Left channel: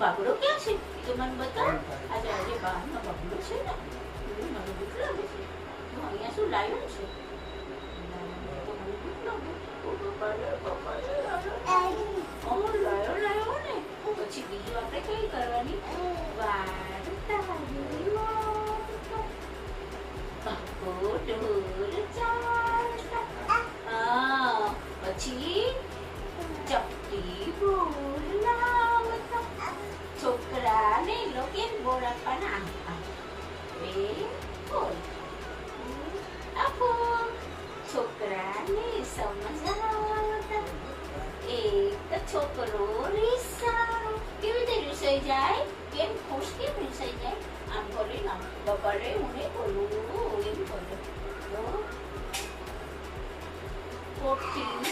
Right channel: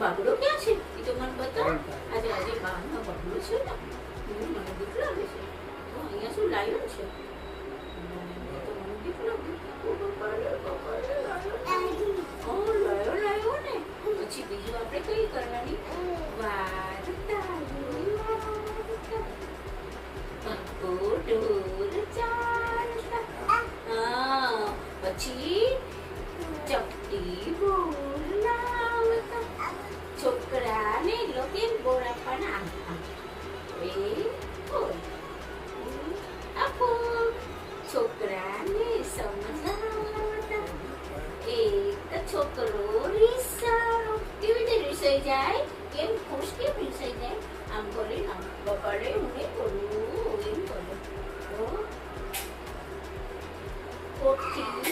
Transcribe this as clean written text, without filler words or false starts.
બાબડો ક્યાં છે એ તો મને બતાવ. આજે બહારનો બાબડો છે ને મને બીક લાગે છે. તો અહીંયા શું લાયન છે? તો મને બીક લાગે. લાયો ને. પછી બીજું આપણે કઈ કરવાની? વાર્તા. પછી ચપટી બોલાવતા. છોકરાને લોકે બોલ આપવાના. આપો છોકરાને સમજાવતા. એક છોકરો રીસાયો. કેવી રીતે રીસાઈ જાય? કેમ ખુશ કેમ રીસાઈ જાય? આમ બોલે ને બપડે મને બોલું એમ બોલે. કોટથી